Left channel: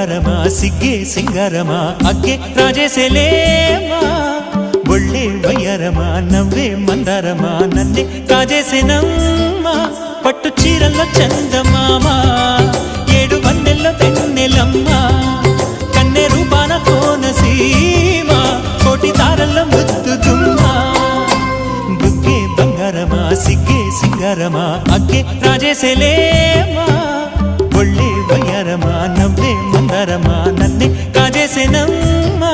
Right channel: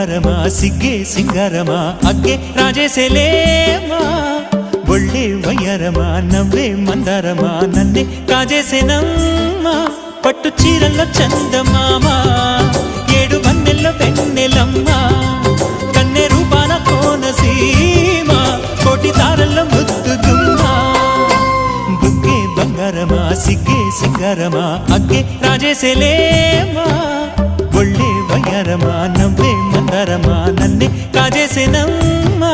బంగారమా సిగ్గే సింగారమా అగ్గే రాజేసేలేమా ఒళ్ళే వయ్యారమా నవ్వే మందారమా నన్నే కాజేసేనమ్మా పట్టు చీరల్లో చందమామా ఏడు వన్నెల్లో వెన్నెలమ్మా కన్నె రూపాన కోనసీమ కోటి తారల్లో ముద్దుదుమ్మా బుగ్గే బంగారమా సిగ్గే సింగారమా అగ్గే రాజేసేలేమా ఒళ్ళే వయ్యారమా నవ్వే మందారమా నన్నే కాజేసేనమ్మా